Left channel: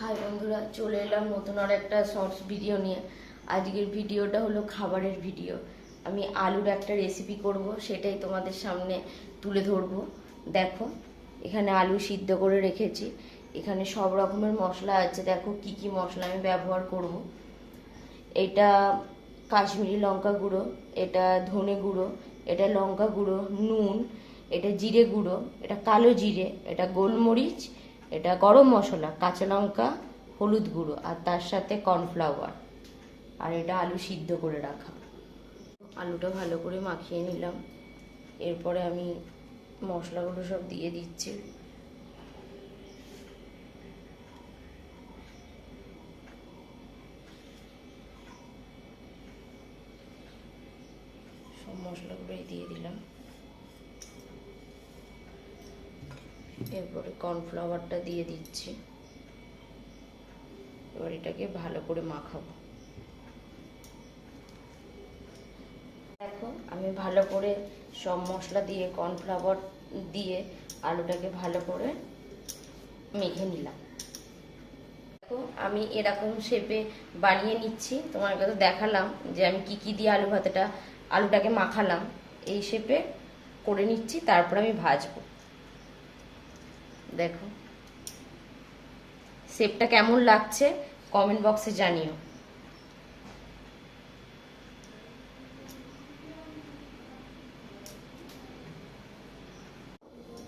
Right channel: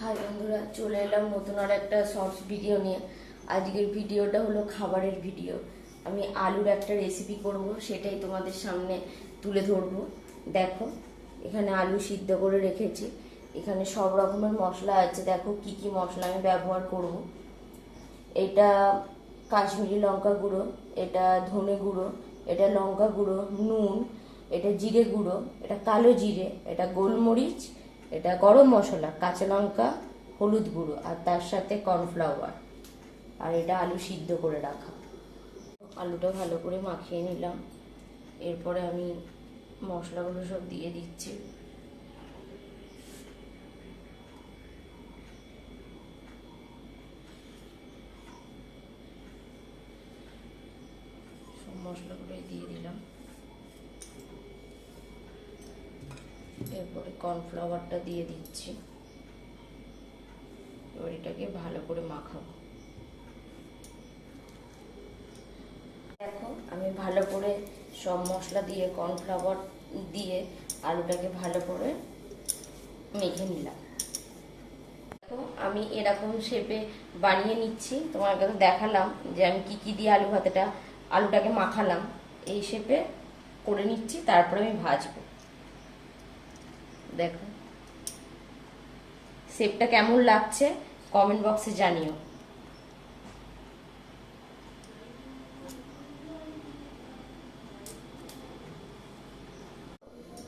High বন্ধুরা, চলে এলাম নতুন আর একটা শর্টস ভিডিও নিয়ে। আজকের ভিডিওটা হলো খাবারের ভিডিও। আমি আলুর একটা রেসিপি করব, সেটাই তোমাদের সামনে তুলে ধরবো। দেখো, এখানে আলু সিদ্ধ করে রেখেছি। এখানে সব রকমের মশলা আছে। দেখো কি কি মশলা আমি ব্যবহার করব। এটা কাশ্মীরি লঙ্কা গুঁড়ো, এটা ধনে গুঁড়ো, এটা লঙ্কা গুঁড়ো, নুন, এটা জিরে গুঁড়ো, এটা কালো জিরে, এটা গোলমরিচ, এটা গরম মশলা, কাঁচা লঙ্কা, হলুদ গুঁড়ো, আর তার সাথে কর্নফ্লাওয়ার, আর এটা আলু সিদ্ধ করে রাখা। আলুটা ভালো করে মাখিয়ে নিলাম। এরপরে আমি মশলাগুলো সব দিয়ে দিচ্ছি। সব মশলাগুলোই দিয়ে দিলাম। এরপরে কর্নফ্লাওয়ারটা দিয়ে দিচ্ছি। এবার এটাকে ভালো করে মাখাবো। দেখো, আমি ভালো করে সব মশলা দিয়ে কর্নফ্লাওয়ার দিয়ে আলুটাকে ভালো করে মেখে নিলাম। দেখো, আমি এরকম শেপে বানিয়ে নিচ্ছি। তোমাকে তো দেখালাম যে আমি কি কি দিয়ে আলুটাকে মাখালাম। এই শেপে করে নিচ্ছি, তারপর আমি ভাজবো। দেখো শেপটা কেমন লাগছে কমেন্ট বক্সে জানিও।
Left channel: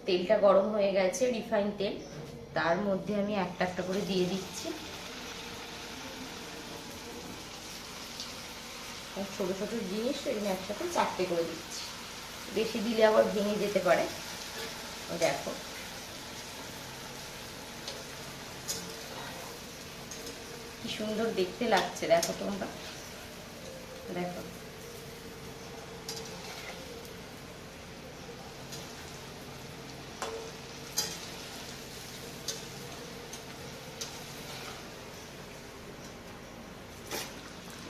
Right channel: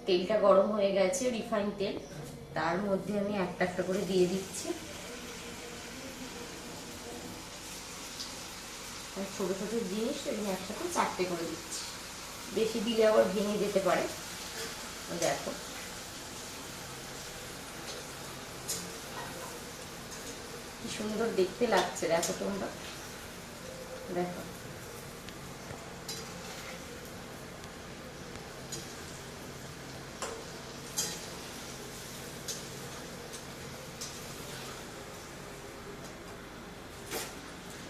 তেলটা গরম হয়ে গেছে, রিফাইন তেল। তার মধ্যে আমি একটা একটা করে দিয়ে দিচ্ছি। ছোট ছোট জিনিস এগুলো একসাথে 4টে করে দিচ্ছি। বেশি দিলে আবার ভেঙে যেতে পারে। দেখো, কি সুন্দর দেখতে লাগছে। দেখো তোমরা, দেখো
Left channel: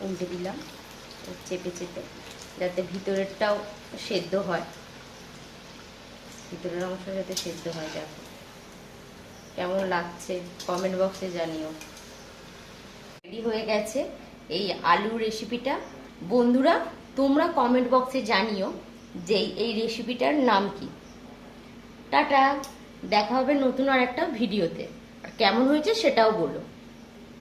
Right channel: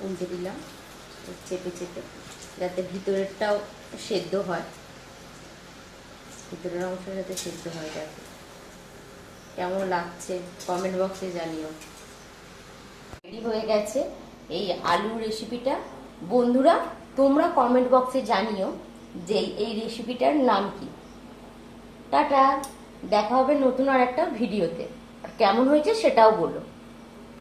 উল্টে দিলাম চেপে চেপে, যাতে ভিতরেরটাও সেদ্ধ হয়, ভিতরের অংশ যাতে সেদ্ধ হয়। দেখো কেমন লাগছে কমেন্ট বক্সে জানিও। রেডি হয়ে গেছে এই আলু রেসিপিটা। বন্ধুরা, তোমরা কমেন্ট বক্সে জানিও যে এই রেসিপিটার নাম কি। টাটা, দেখা হবে নতুন আর একটা ভিডিওতে। আর কেমন হয়েছে সেটাও বলো।